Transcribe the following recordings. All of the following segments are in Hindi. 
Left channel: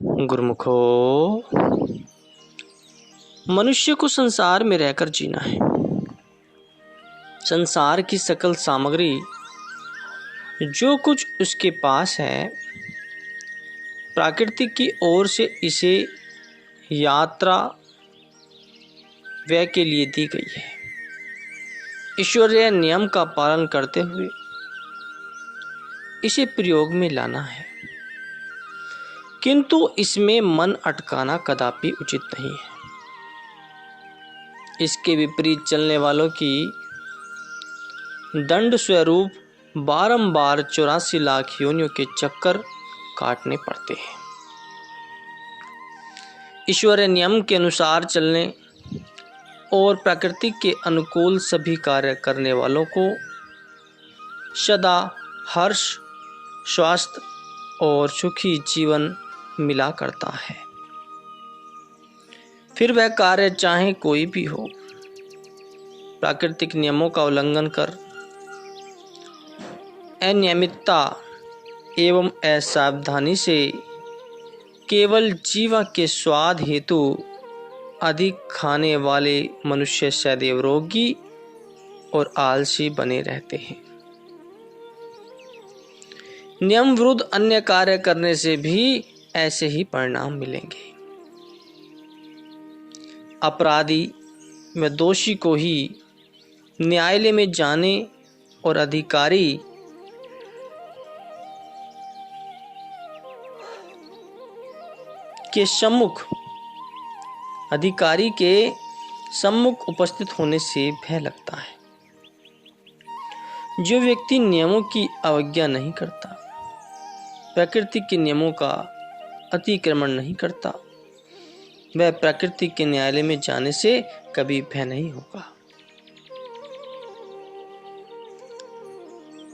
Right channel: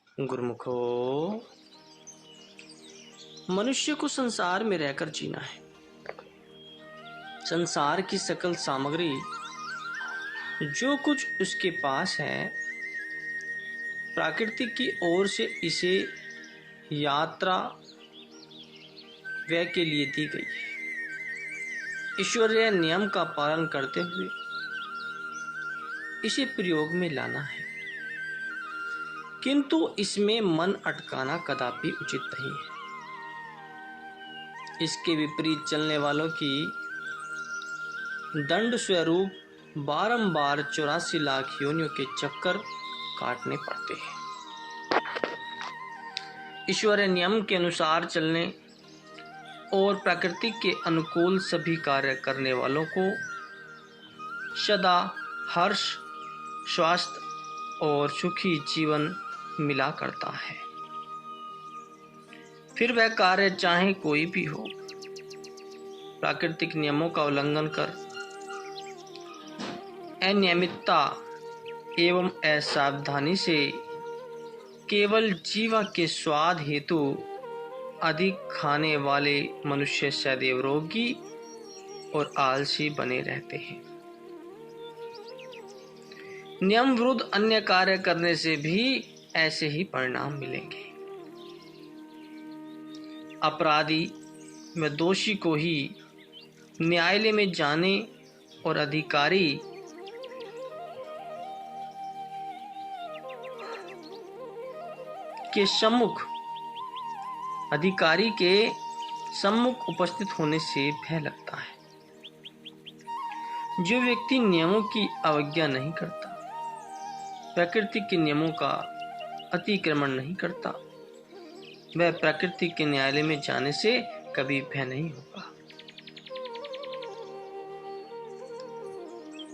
गुरुमुखो, मनुष्य को संसार में रहकर जीना है। संसार की सकल सामग्री जो कुछ उसके पास है, प्राकृतिक की ओर से इसे यात्रा व्यय के लिए दी गई है। ईश्वरीय नियम का पालन करते हुए इसे प्रयोग में लाना है, किंतु इसमें मन अटकाना कदापि उचित नहीं है। इसके विपरीत चलने वालों की दंड स्वरूप बारंबार 84 लाख योनियों के चक्कर काटने पड़ते हैं। ईश्वरीय नियम के अनुसार चलने और प्रकृति के अनुकूल सभी कार्य करने वालों को सदा हर्ष, स्वास्थ्य और सुखी जीवन मिला करता है। फिर वह कार्य चाहे कोई भी हो, प्राकृतिक नियमों का उल्लंघन कर अनियमितता एवं असावधानी से केवल जीवा के स्वाद हेतु अधिक खाने वाले मनुष्य सदैव रोगी और आलसी बने रहते हैं। नियम विरुद्ध अन्य कार्य करने से भी ऐसे ही परिणाम मिलेंगे। अपराधी व दोषी को ही न्यायालय में जाने और अधिकारी के सम्मुख उपस्थित होने से भय लगता है। जो व्यक्ति नियमों की अवज्ञा नहीं करता, प्रकृति के नियमों का अतिक्रमण नहीं करता, वह प्रकृति के न्यायालय में जाने से कभी भय नहीं होगा।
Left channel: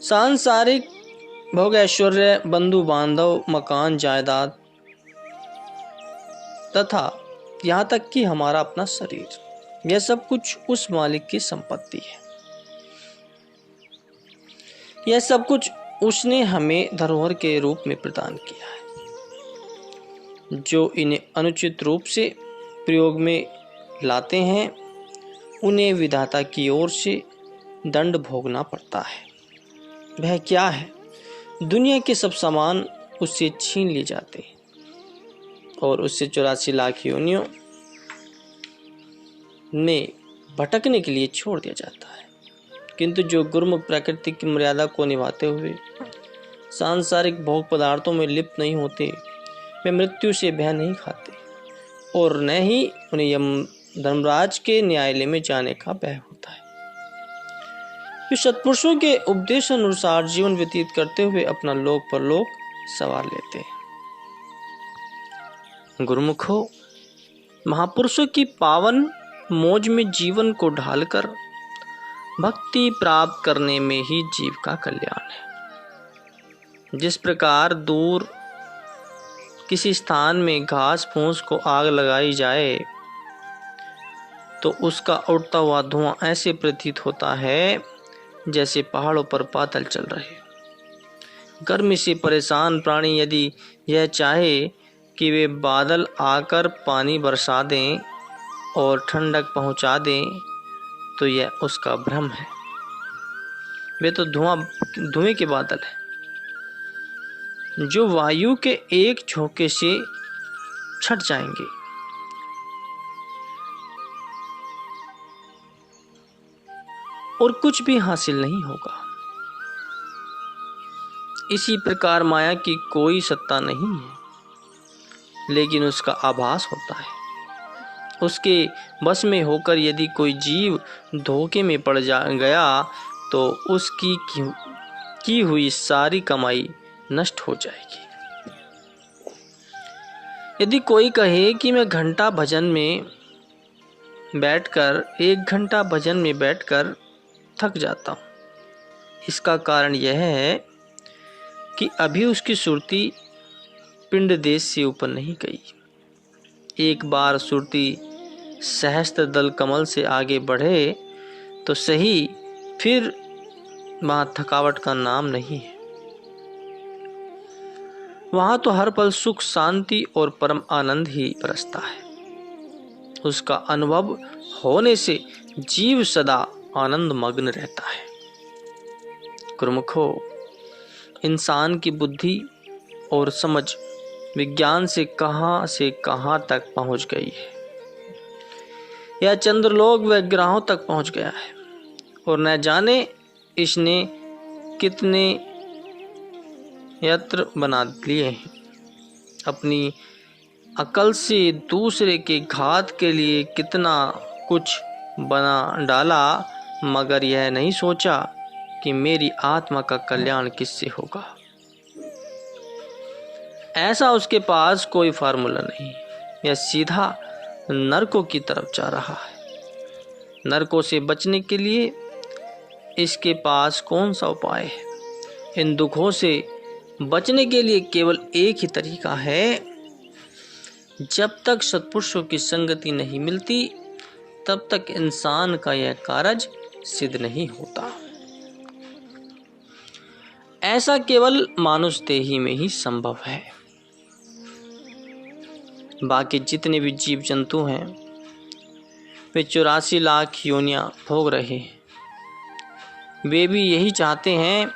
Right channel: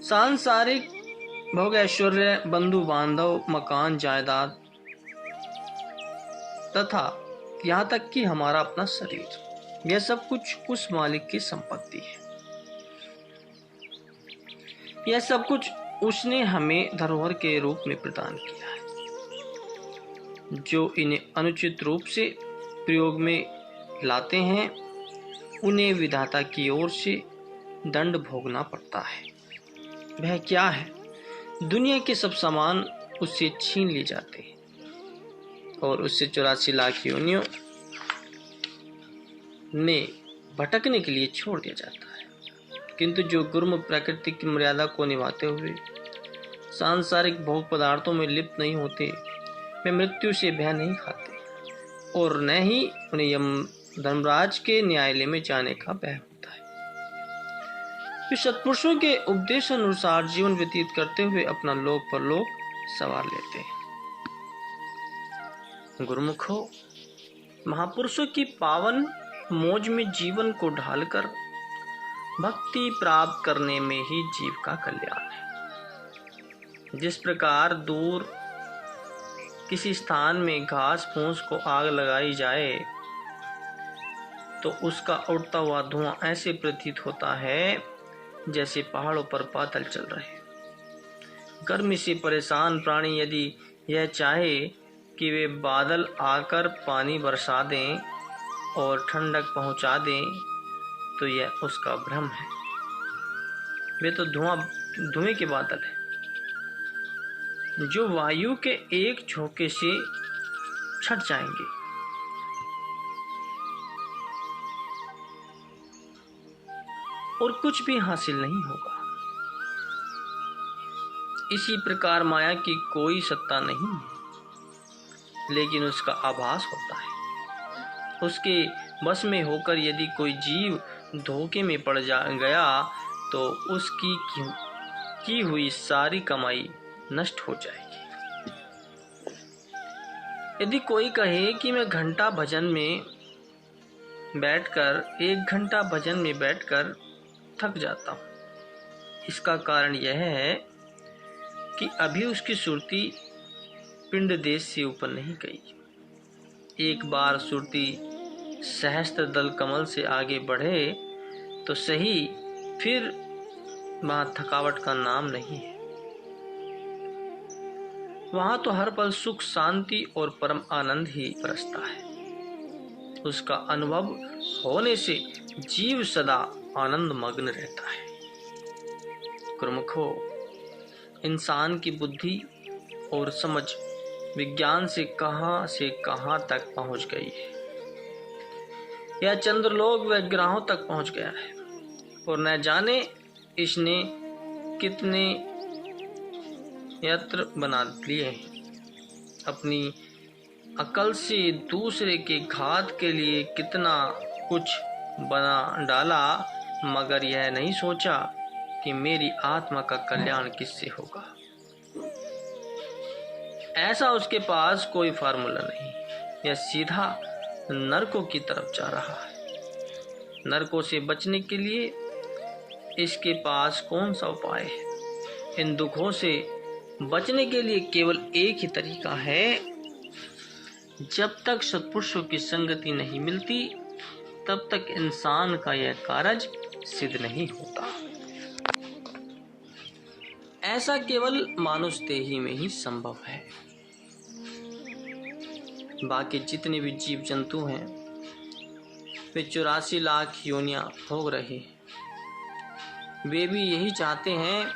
सांसारिक भोग ऐश्वर्य, बंधु बांधव, मकान, जायदाद तथा यहाँ तक कि हमारा अपना शरीर, यह सब कुछ उस मालिक की संपत्ति है। यह सब कुछ उसने हमें धरोहर के रूप में प्रदान किया है। जो इन्हें अनुचित रूप से प्रयोग में लाते हैं, उन्हें विधाता की ओर से दंड भोगना पड़ता है। वह क्या है? दुनिया के सब सामान उससे छीन लिए जाते हैं और उससे 84 लाख योनियों ने भटकने के लिए छोड़ दिया जाता है। किंतु जो गुरुमुख प्रकृति की मर्यादा को निभाते हुए सांसारिक भोग पदार्थों में लिप्त नहीं होते, वे मृत्यु से भय नहीं खाते और न ही उन्हें यम धर्मराज के न्यायालय में जाने का भय होता है। वे सत्पुरुषों के उपदेश अनुसार जीवन व्यतीत करते हुए अपना लोक परलोक सवार लेते हैं। गुरुमुखो, महापुरुषों की पावन मौज में जीवन को ढालकर भक्ति प्राप्त करने में ही जीव का कल्याण है। जिस प्रकार दूर किसी स्थान में घास फूस को आग लगाई जाए तो उसका उड़ता हुआ धुआं ऐसे प्रतीत होता है जैसे पहाड़ों पर बादल चल रहे। गर्मी से परेशान प्राणी यदि यह चाहे कि वे बादल आकर पानी बरसा दें और ठंडक पहुंचा दें, तो यह उसका भ्रम है। वे तो धुएं के बादल हैं, जो वायु के एक झोंके से छट जाएंगे। और कुछ भी हासिल नहीं होगा। इसी प्रकार माया की कोई सत्ता नहीं है, लेकिन उसका आभास होता है। उसके बस में होकर यदि कोई जीव धोखे में पड़ गया तो उसकी की हुई सारी कमाई नष्ट हो जाएगी। यदि कोई कहे कि मैं 1 घंटा भजन में बैठकर थक जाता हूँ, इसका कारण यह है कि अभी उसकी सुरती पिंड देश से ऊपर नहीं गई। एक बार सुरती सहस्त्र दल कमल से आगे बढ़े तो सही, फिर वहाँ थकावट का नाम नहीं है। वहां तो हर पल सुख, शांति और परम आनंद ही बरसता है। उसका अनुभव होने से जीव सदा आनंद मग्न रहता है। गुरुमुखो, इंसान की बुद्धि और समझ विज्ञान से कहां तक पहुंच गई है। यह चंद्रलोक व ग्रहों तक पहुंच गया है और न जाने इसने कितने यंत्र बना लिए हैं। अपनी अकल से दूसरे के घात के लिए कितना कुछ बना डाला, मगर यह नहीं सोचा कि मेरी आत्मा का कल्याण किससे होगा। ऐसा उसके पास कोई फार्मूला नहीं। यह सीधा नरकों की तरफ जा रहा है। नरकों से बचने के लिए इसके पास कौन सा उपाय है? इन दुखों से बचने के लिए केवल एक ही तरीका है। जब तक सत्पुरुषों की संगति नहीं मिलती, तब तक इंसान का यह कार्य सिद्ध नहीं होता। ऐसा केवल मानुष देही में ही संभव है। बाकी जितने भी जीव जंतु हैं, वे 84 लाख योनियां भोग रहे हैं। वे भी यही चाहते हैं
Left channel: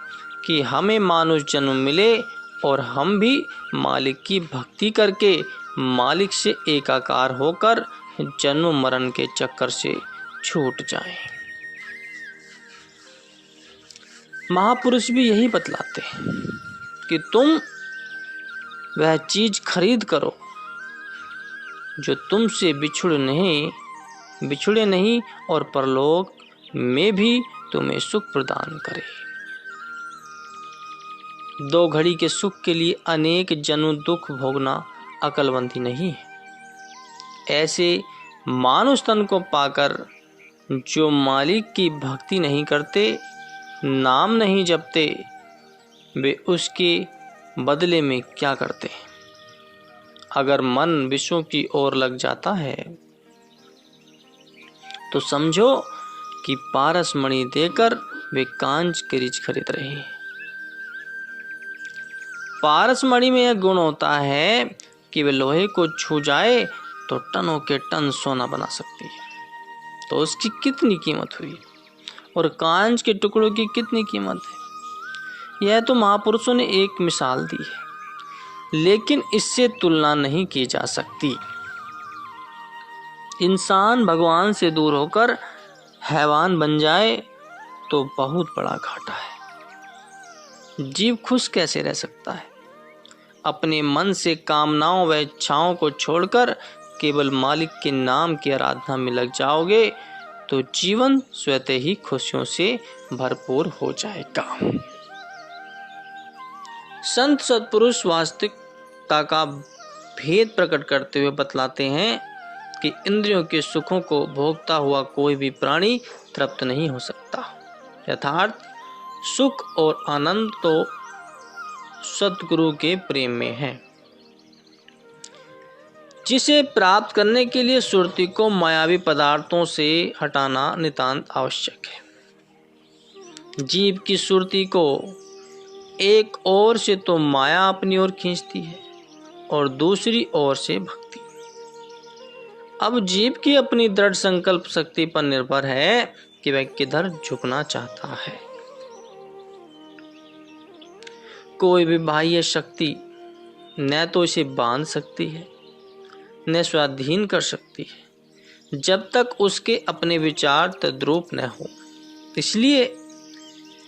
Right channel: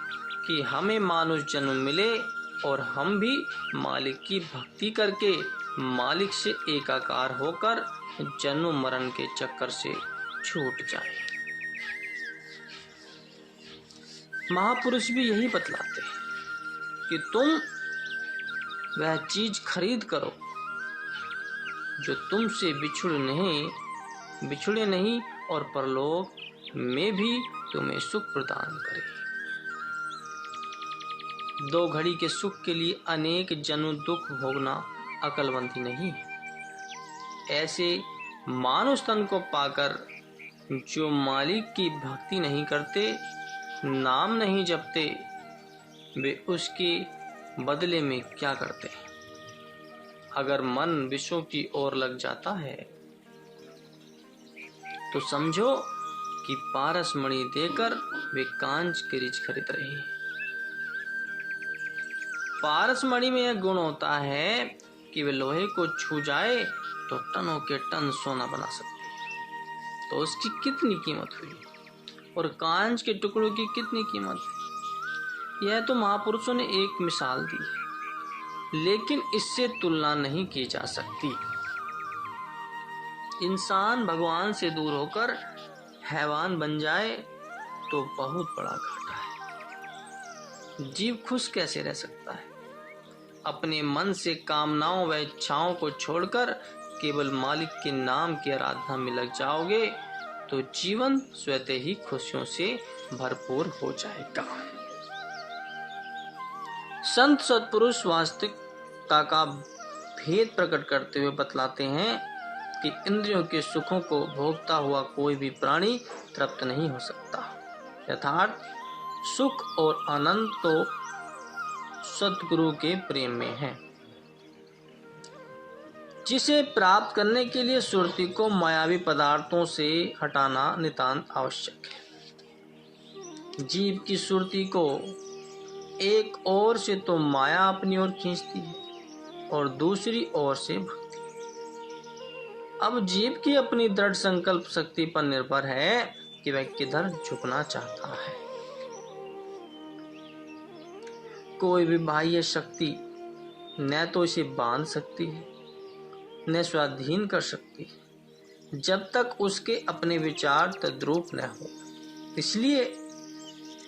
कि हमें मानुष जन्म मिले और हम भी मालिक की भक्ति करके मालिक से एकाकार होकर जन्म मरण के चक्कर से छूट जाएं। महापुरुष भी यही बतलाते हैं कि तुम वह चीज खरीद करो जो तुमसे बिछुड़े नहीं और परलोक में भी तुम्हें सुख प्रदान करे। 2 घड़ी के सुख के लिए अनेक जन्म दुख भोगना अकलमंदी नहीं है। ऐसे मानुष तन को पाकर जो मालिक की भक्ति नहीं करते, नाम नहीं जपते, वे उसके बदले में क्या करते हैं? अगर मन विषयों की ओर लग जाता है तो समझो कि पारस मणि देकर वे कांच के रिच खरीद रहे हैं। पारस मणि में यह गुण होता है कि वे लोहे को छू जाए तो टनों के टन सोना बना सकती है। तो उसकी कितनी कीमत हुई, और कांच के टुकड़ों की कितनी कीमत है। यह तो महापुरुषों ने एक मिसाल दी है, लेकिन इससे तुलना नहीं की जा सकती। इंसान भगवान से दूर होकर हैवान बन जाए तो बहुत बड़ा घाटा है। जीव खुश कैसे रह सकता है? अपने मन से कामनाओं व इच्छाओं को छोड़कर केवल मालिक के नाम की आराधना में लग जाओगे तो जीवन स्वतः ही खुशियों से भरपूर हो जाएगा। संत सत्पुरुष वास्तविकता का भेद प्रकट करते हुए बतलाते हैं कि इंद्रियों के सुखों को भोगता हुआ कोई भी प्राणी तृप्त नहीं हो सकता। यथार्थ सुख और आनंद तो सतगुरु के प्रेम में है, जिसे प्राप्त करने के लिए सुरति को मायावी पदार्थों से हटाना नितांत आवश्यक है। जीव की सुरति को एक ओर से तो माया अपनी ओर खींचती है और दूसरी ओर से भक्ति। अब जीव की अपनी दृढ़ संकल्प शक्ति पर निर्भर है कि वह किधर झुकना चाहता है। कोई भी बाह्य शक्ति न तो इसे बांध सकती है न स्वाधीन कर सकती है, जब तक उसके अपने विचार तद्रूप न हो। इसलिए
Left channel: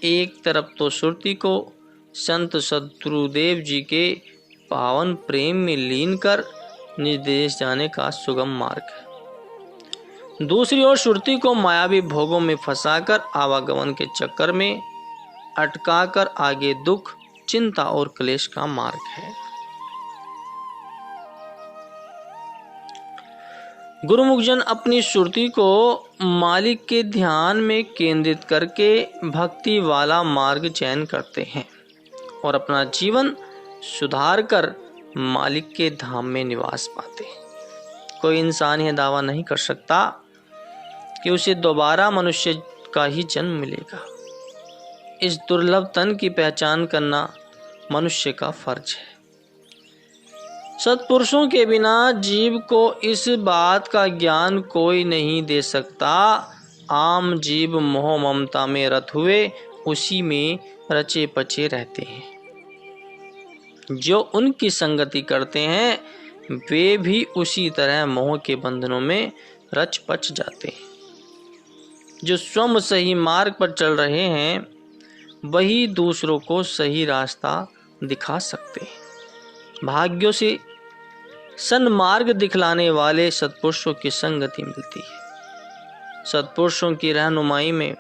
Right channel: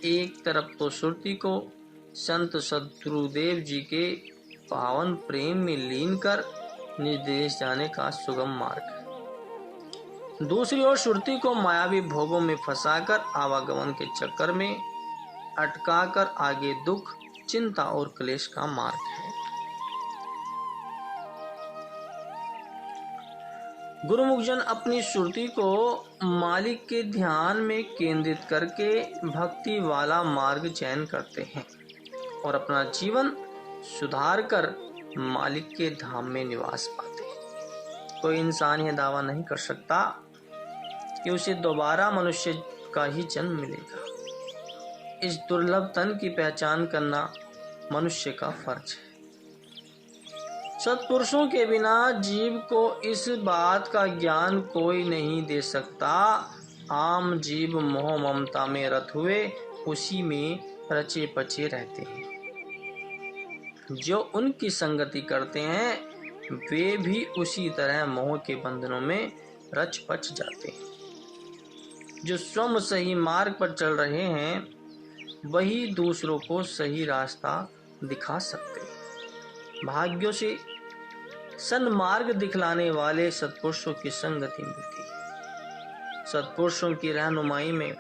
एक तरफ तो सुरति को संत सद्गुरुदेव जी के पावन प्रेम में लीन कर निर्देश जाने का सुगम मार्ग है, दूसरी ओर सुरति को मायावी भोगों में फंसाकर आवागमन के चक्कर में अटकाकर आगे दुख, चिंता और क्लेश का मार्ग है। गुरुमुखजन अपनी सुरति को मालिक के ध्यान में केंद्रित करके भक्ति वाला मार्ग चयन करते हैं और अपना जीवन सुधार कर मालिक के धाम में निवास पाते हैं। कोई इंसान यह दावा नहीं कर सकता कि उसे दोबारा मनुष्य का ही जन्म मिलेगा। इस दुर्लभ तन की पहचान करना मनुष्य का फर्ज है। सत्पुरुषों के बिना जीव को इस बात का ज्ञान कोई नहीं दे सकता। आम जीव मोह ममता में रत हुए उसी में रचे पचे रहते हैं। जो उनकी संगति करते हैं वे भी उसी तरह मोह के बंधनों में रच पच जाते हैं। जो स्वयं सही मार्ग पर चल रहे हैं वही दूसरों को सही रास्ता दिखा सकते हैं। भाग्यों से सन्मार्ग दिखलाने वाले सत्पुरुषों की संगति मिलती है। सत्पुरुषों की रहनुमाई में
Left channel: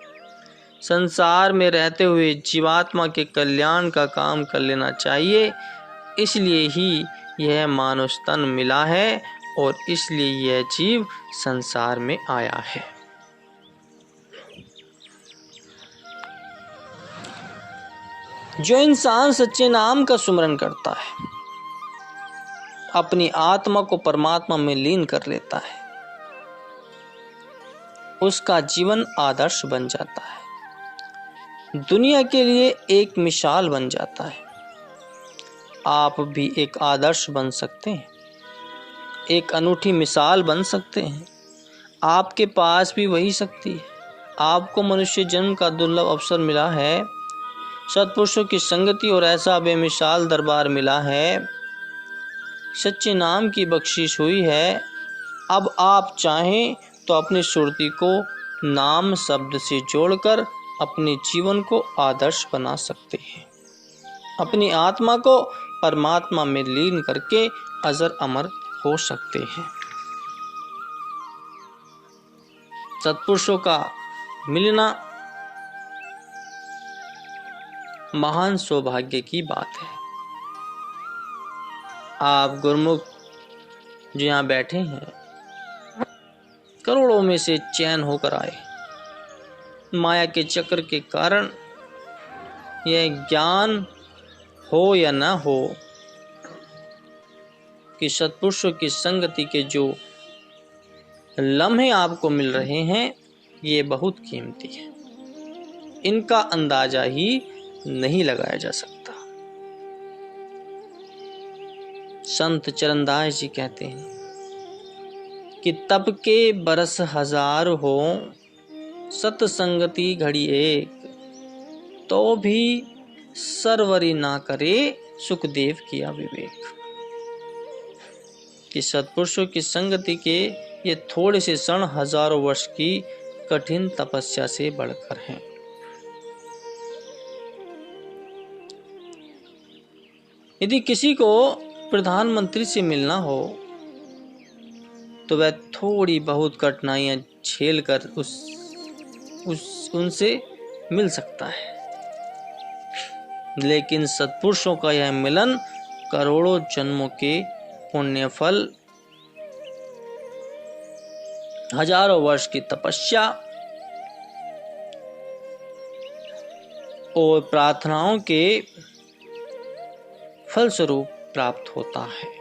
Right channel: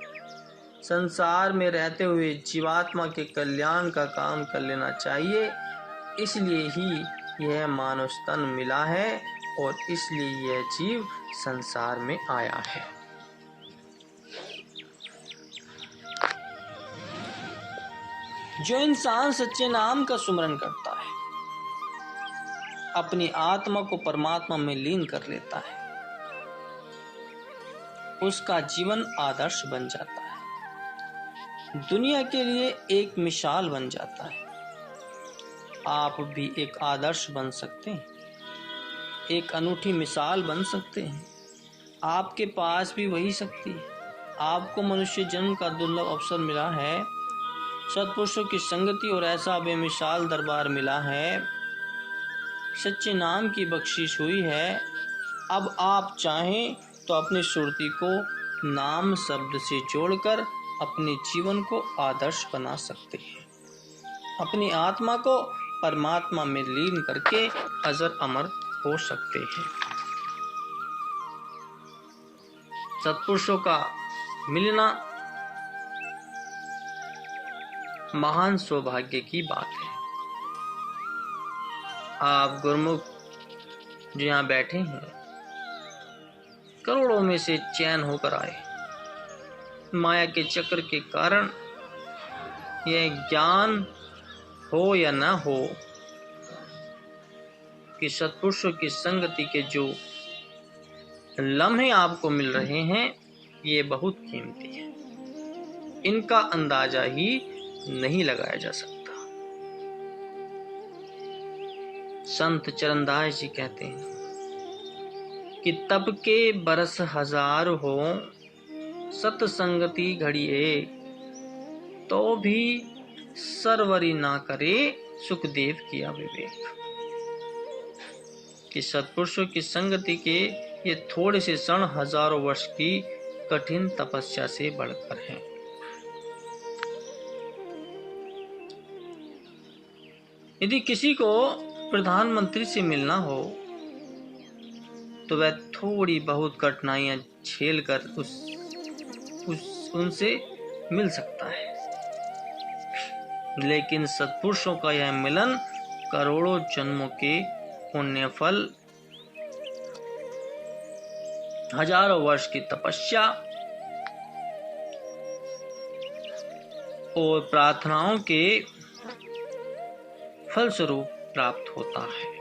संसार में रहते हुए जीवात्मा के कल्याण का काम कर लेना चाहिए। इसलिए ही यह मानव तन मिला है और इसलिए यह जीव संसार में आया है। जो इंसान सच्चे नाम का सुमरन करता है, अपनी आत्मा को परमात्मा में लीन कर लेता है, उसका जीवन आदर्श बन जाता है, दुनिया के लिए एक मिसाल बन जाता है। आप भी एक आदर्श बन सकते हैं, एक अनूठी मिसाल बन सकते हैं। आपके पास भी वही शक्ति है। आपको मनुष्य जन्म का दुर्लभ अवसर मिला है, सत्पुरुषों की संगति और ऐसा बेमिसाल दरबार मिला है, सच्चे नाम की बख्शिश हुई है। अब आप चाहें तो अपनी सुरती को नाम शब्द से जोड़कर अपने जीवन को आदर्श बना सकते हैं। अपनी आत्मा को परमात्मा में लीन करके अजर अमर हो सकते हैं। सत्पुरुषों का मिलना महान सौभाग्य की बात है। आप गुरुमुख जो यहाँ बैठे हैं, करोड़ों में से चयन होकर आए। माया के चक्र के कारण यह ज्ञान हो या न हो कि सत्पुरुषों की संगति के जो लम्हे आपको मिल रहे हैं ये बहुत कीमती है। इनका अंदाजा ही नहीं लगाया जा सकता। संत चरणदास जी कहते हैं कि तब के बरस हजार हो सतसंगति घड़ी एक, तो भी सरवरी ना करे सुखदेव किया विवेक। कि सत्पुरुषों की संगति के ये थोड़े से क्षण हजारों वर्ष की कठिन तपस्या से बढ़कर हैं। यदि किसी को प्रधानमंत्री से मिलना हो तो वह थोड़ी बहुत कठिनाइयां झेलकर उनसे मिल सकता है, लेकिन सत्पुरुषों का यह मिलन करोड़ों जन्मों के पुण्य फल, हजारों वर्ष की तपस्या और प्रार्थनाओं के फलस्वरूप प्राप्त होता है।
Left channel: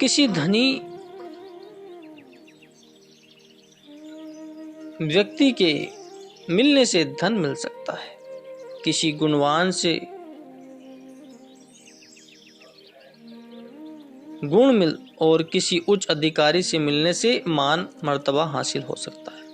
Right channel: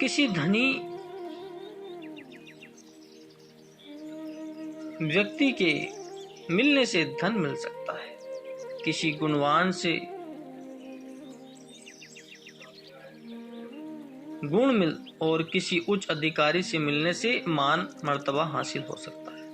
किसी धनी व्यक्ति के मिलने से धन मिल सकता है, किसी गुणवान से गुण मिल और किसी उच्च अधिकारी से मिलने से मान मर्तबा हासिल हो सकता है।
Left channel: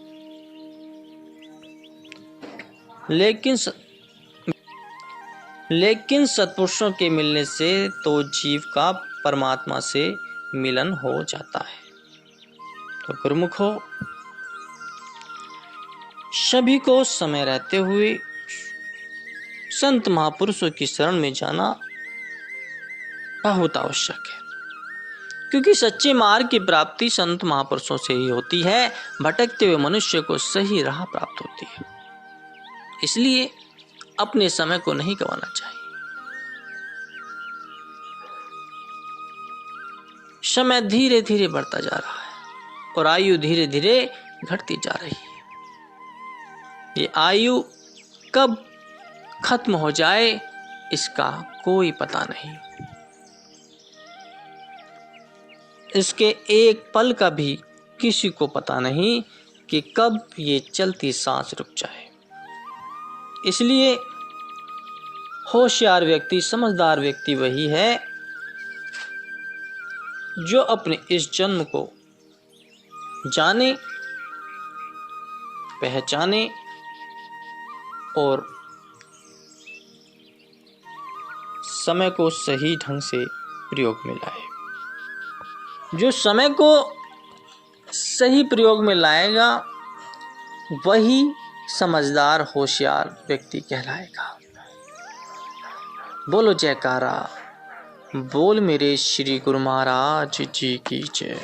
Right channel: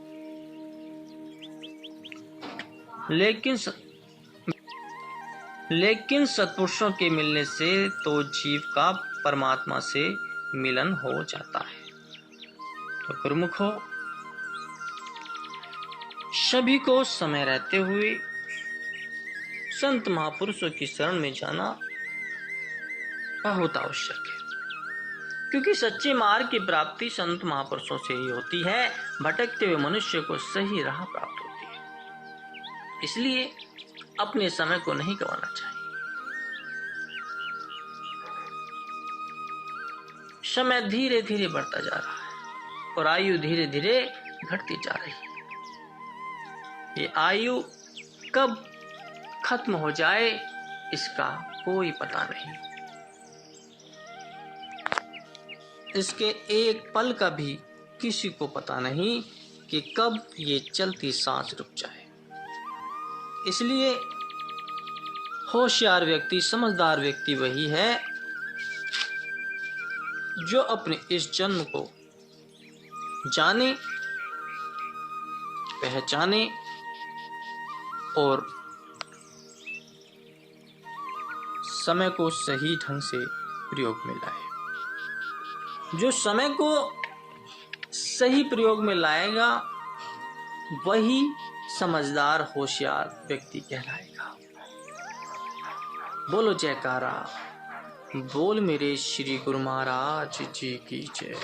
लेकिन सत्पुरुषों के मिलने से तो जीव का परमात्मा से मिलन हो जाता है। तो गुरुमुखो, सभी को समय रहते हुए संत महापुरुषों की शरण में जाना बहुत आवश्यक है, क्योंकि सच्चे मार्ग की प्राप्ति संत महापुरुषों से ही होती है। भटकते हुए मनुष्य को सही राह प्राप्त होती है। इसलिए अपने समय को नहीं गंवाना चाहिए। समय धीरे धीरे बढ़ता जा रहा है और आयु धीरे धीरे घटती जा रही है। ये आयु कब खत्म हो जाए इसका कोई पता नहीं। इसके एक पल का भी किसी को पता नहीं कि कब ये चलती सांस रुक जाए। इसलिए होशियार व्यक्ति, समझदार व्यक्ति वही है जो अपने इस जन्म को जाने, पहचाने और समय को सही ढंग से प्रयोग में लाए। जो समय को सही प्रयोग में लाएगा वही समझदार, होशियार व्यक्ति कहलाएगा। बोलो जयकारा, बोल मेरे श्री गुरु महाराज जी की जय।